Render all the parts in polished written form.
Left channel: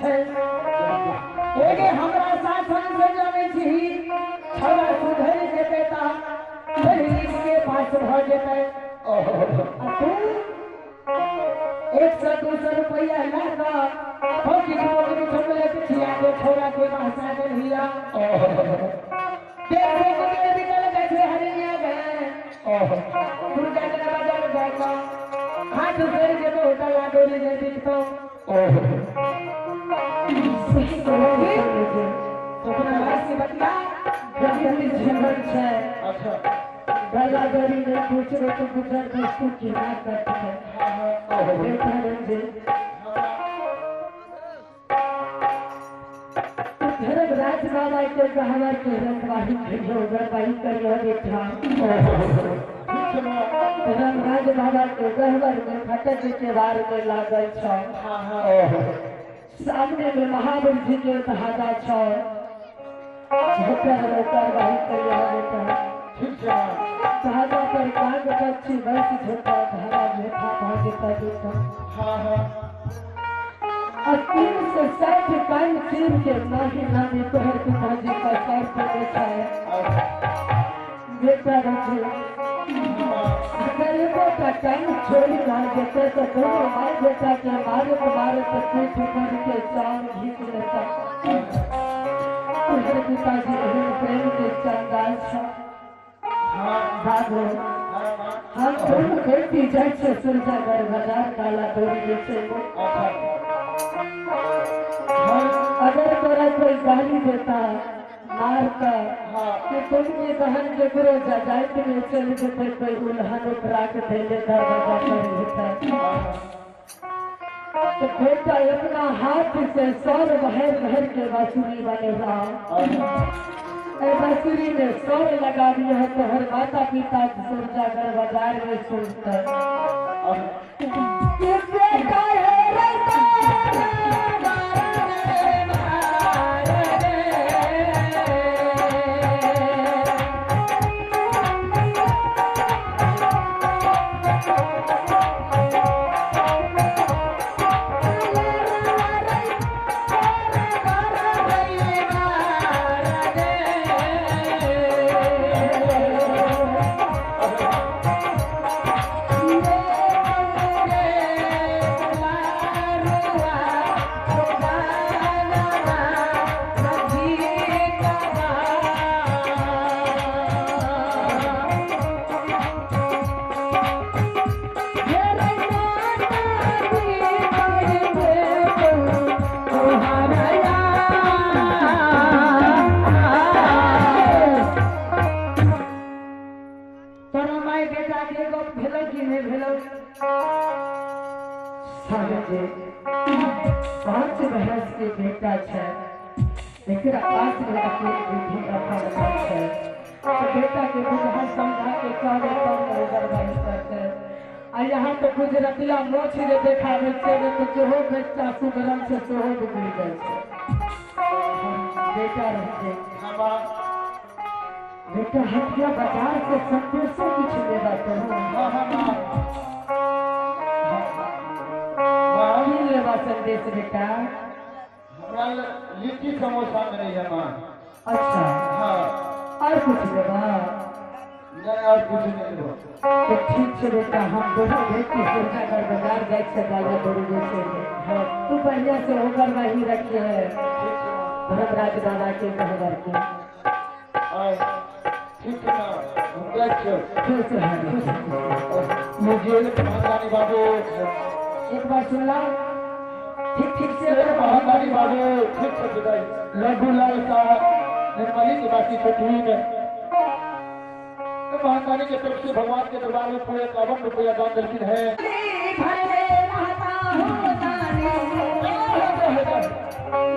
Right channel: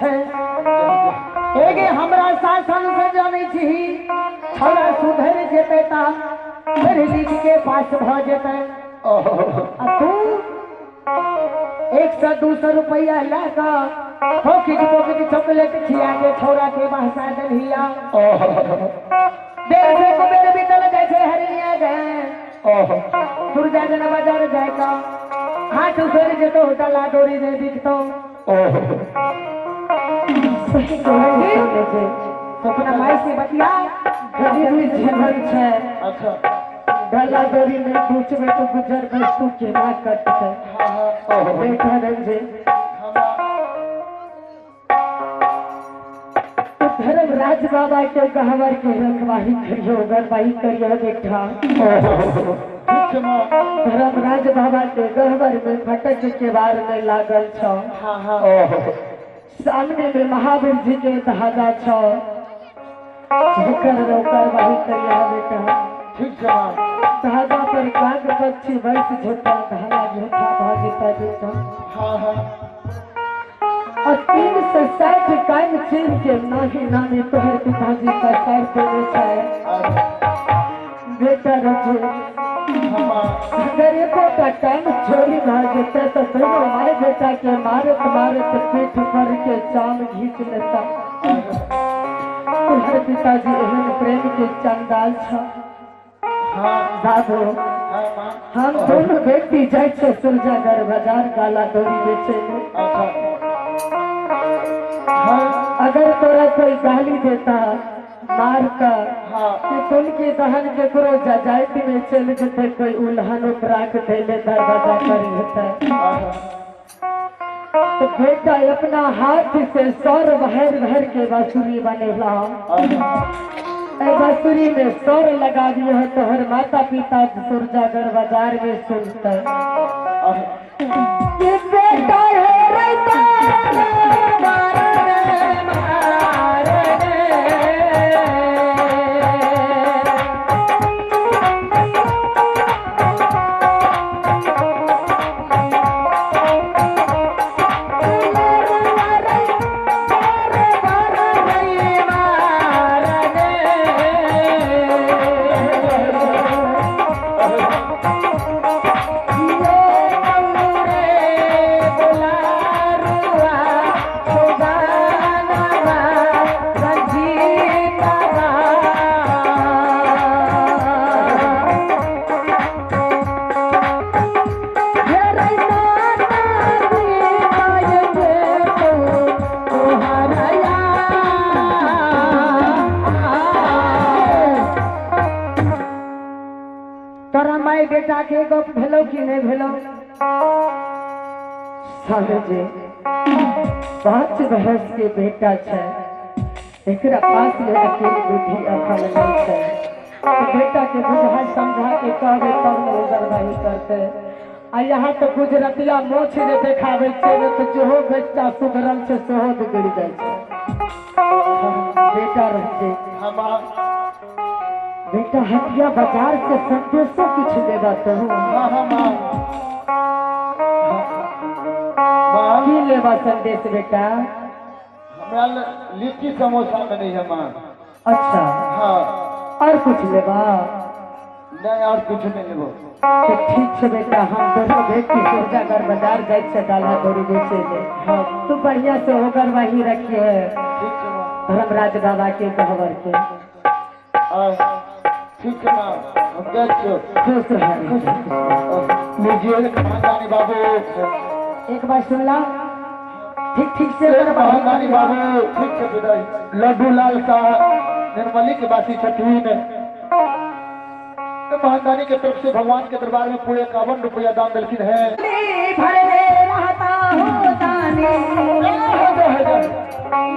छे एगे हमरा शासन से जाने छी छोरा सुधर जेते ता फिर दीदी के पास भ जेते आ तू 100-200 रुपया लाका पॉकेट चॉकलेट खिया के छोरा के बहसा दलिया देख रे को मेरे भीतर कैसे हरिया गए दुर्गा जन बाजार जाएगा हाथ उधर के तो होटल डोरी दे दी तो अपना माई से बतिया जल्दी झेलर छे अच्छा गला डोरी में पूछ में तो गुजर वस्तु के ना करते है देखा रंजे धर्मराज बाबा के कहवर के रंगवाही करियो गरवाही करियो देखा धर्मराज बाबा के कहवर में फटक के बार में लागल छो सामने में महावीर जी के धागा छो होकर वही करियो बेटा ठीक है धागा पर काग पक्षी वर्ष झोटा धागा झोटा भागीता देखा और 360 काल सिर्फ के महीना में तोहर पिताजी का सर देने चाहे बेटा रखो अगर एको का टाइम छोड़ी ना देते तो दोनों हमारे बेटा के मारत पीठ पर के चांद घींच लेता तोहर पिताजी एहन प्रेम के चंदाल छा दादो हम दोनों बेटी जाए से सुरजागर बाजार काला डोरी बेचे अगर तोरा कोई गाली देता मार कर कि तुम की बहन के करो जजायती में चल जेते कोई उल्हान राख दे देता दरवाजा कर लेता तो बेटा अपना हाथ से सौर बहर के बांसुरी बनेला बांसुरी में सौर लगा दिया है तो हर माता पिता सुरजागर बाजार में सुनता पांच बहस के बेटा छे एकरा पास में अकेली बुद्धि अकल नहीं छे बेटा के बुझा समझा के करे तब गरबाई करते आ यहाँ तो गुजरतिया मोछ जे देखावे छे तो जोहो बेटा सुगरम से सोहो बिगड़ जाए बेटा रहते बेटा हटिया बाजार से संदेशों कुछ लेगा तो लेवा संदेश बेटा हमरा लिट्टी समोसा में नहीं है मां अच्छा हाँ और कुछ लेवा नहीं और कुछ नहीं लेबो तो ठीक है बेटा हम दोनों बेटी सुरजागर बाजार जाए से दादा डोरी बेचे थे हाँ तू बढ़िया से होकर वही रखिए धर्मराज दादा के कहवर के ठीक है हम देखो खुश है मुझे महारानी बाबू एक बार सुन ला ठीक से महारानी बाबू ठीक से बताइए लड्डू लाल का निर्मली की बासी छठवीं में महारानी के तरफ से भगवान के दरबार में पूरे 51 रुपया दान दक्षिण है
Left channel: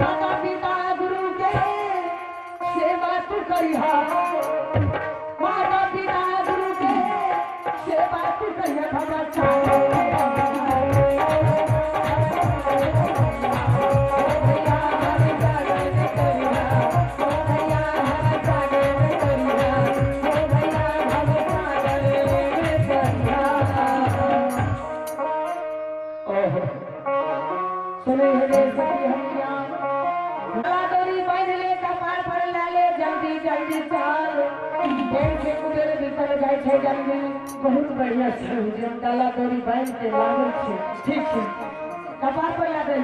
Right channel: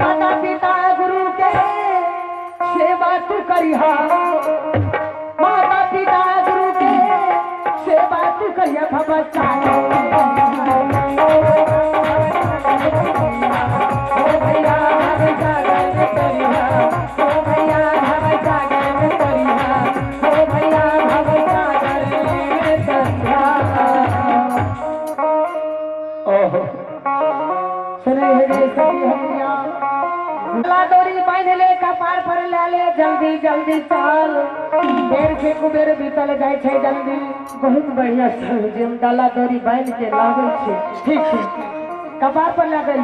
माता पिता गुरु के सेवा तू करिहा माता पिता गुरु के सेवा तू करिहा बच्चा सुने डोरी बांध ले कपार पर ला ले जल्दी जल्दी चल देर से कुबेर बीतल जाय छै जल्दी बहुत बढ़िया छै जे हम डाला डोरी बांध के लागे छै ठीक छै कपार पर ला देल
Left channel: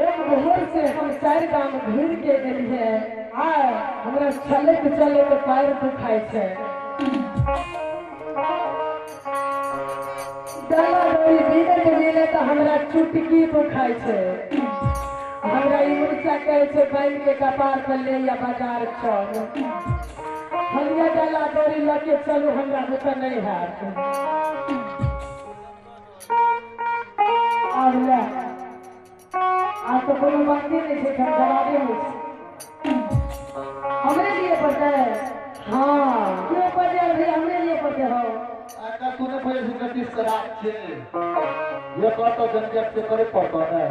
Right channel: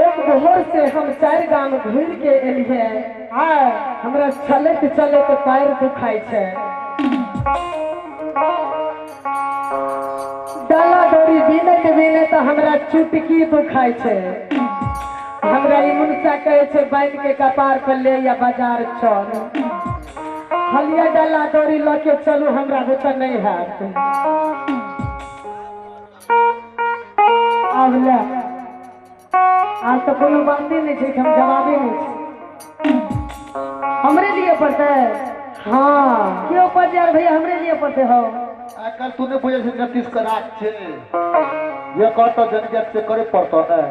एक मोहर से हम 4 गांव घूर के एलिए हमरा चलत चलत पैर दुखाई छै डाला डोरी बिने तो हमरा चुटकी दुखाई छै हमरा ई मुर्चा कहे छै बैन के कपार पर ले या बाजार चल हलिया डाला डोरी लेके चलू हमरा बुते नहीं हैत अब ले आज तो कोनो बात ही नहीं है हम जवाबे नहीं हमरे लिए पढ़ते हाँ क्यों पढ़ते यार भैया हमरे लिए पढ़ते हो आका तूने वजह से गतिस करा छे ये कहता जंजट से करे पड़ता है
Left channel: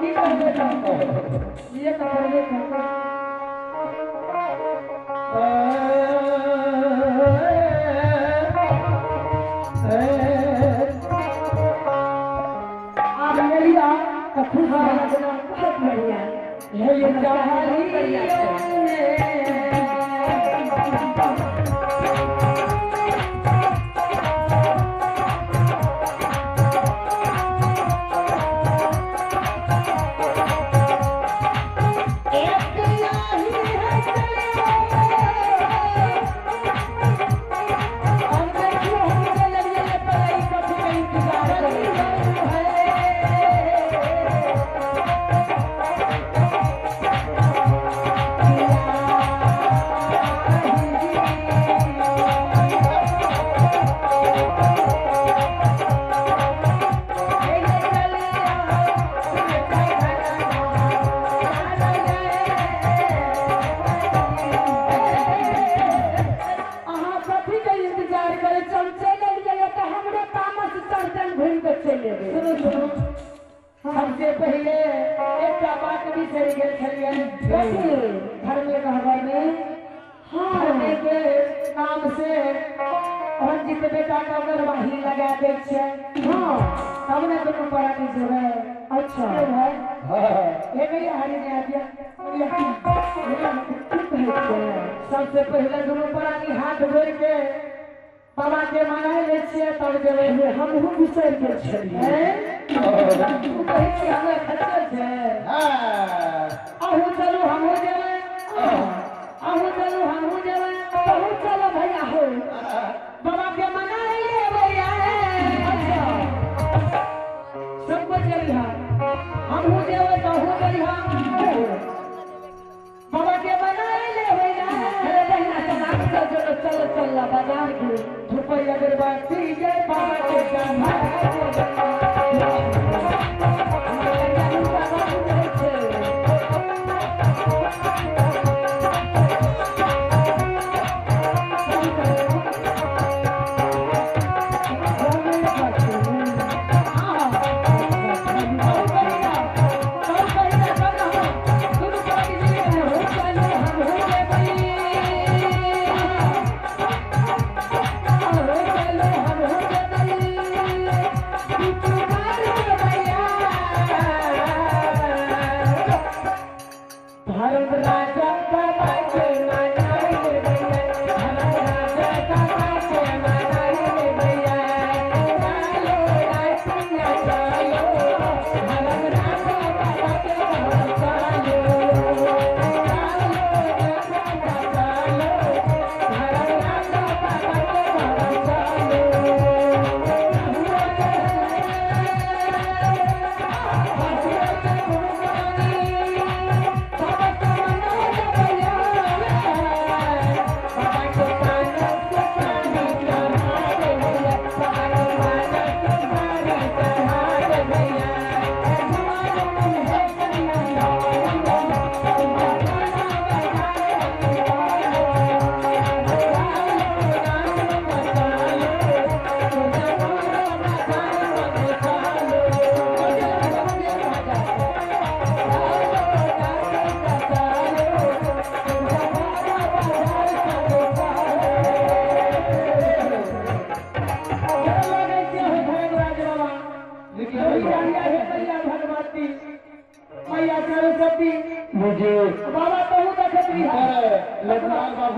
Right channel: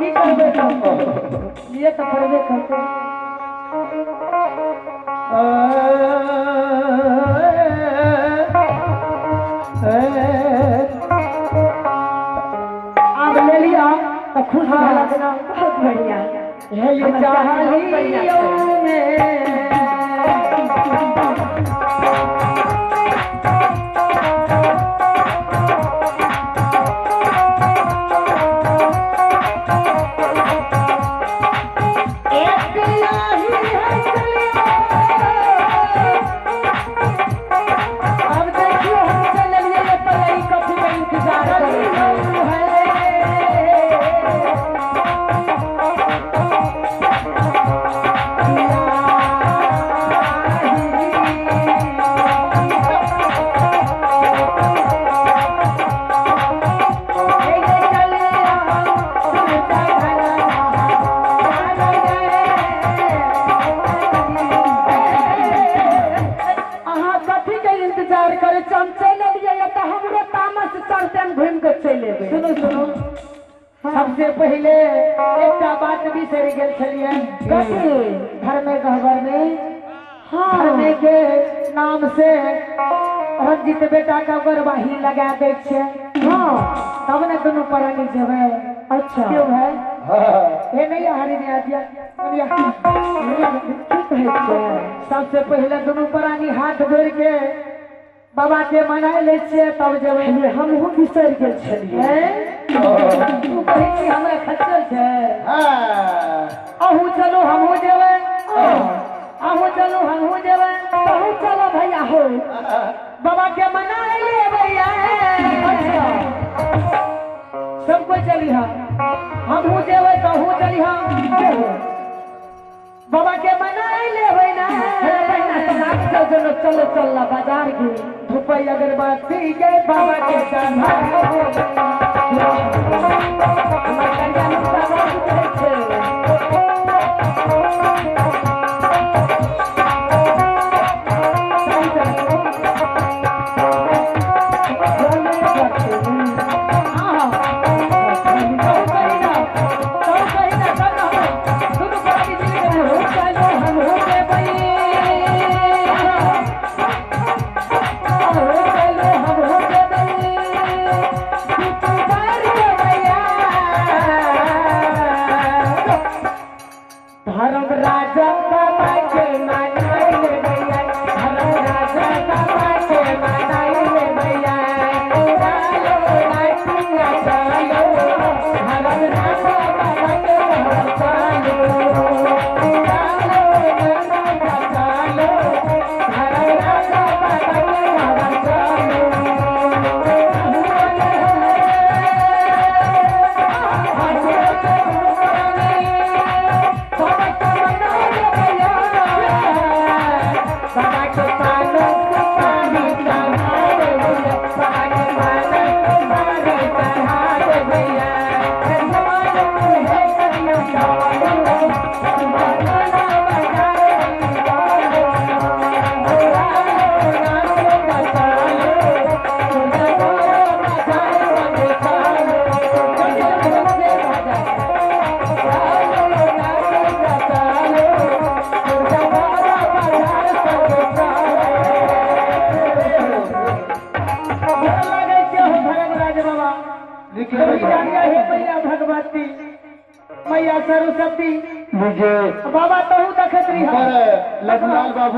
की करबे ये तो करबे करते खुश वाला देना बहुत बढ़िया है ये चाहलियों में सबसे पहले एक बात भी सही गेल छलिए घर में कहबर ने हाँ के नाम से रंजित बेटा का गरबाही लगा दे छे हाँ तब ने दोनों परानी जबे अच्छा क्यों है ये नहीं हरी ने आदिया सबसे पहले दोनों परानी हाथ जोड़ के बाबा के मना ले छे तब जब हम बिसर गेल छलिए तू कहीं हमरा खच्चर छे आहू चलो हमहू जेबै आहू चलो हमहू जेबै आहू चलो भैया हो बाबा के मना ले भैया सब को चली हमहू जेबै तो हमहू चली बाबा के मना ले भैया चलो चलो चल बाजार के धुपई अगरबत्ती के बाबा के चढ़ा हे मैया भगवती मैया सरस्वती मुझे बाबा तो देखत रही है लखनलाल बाबू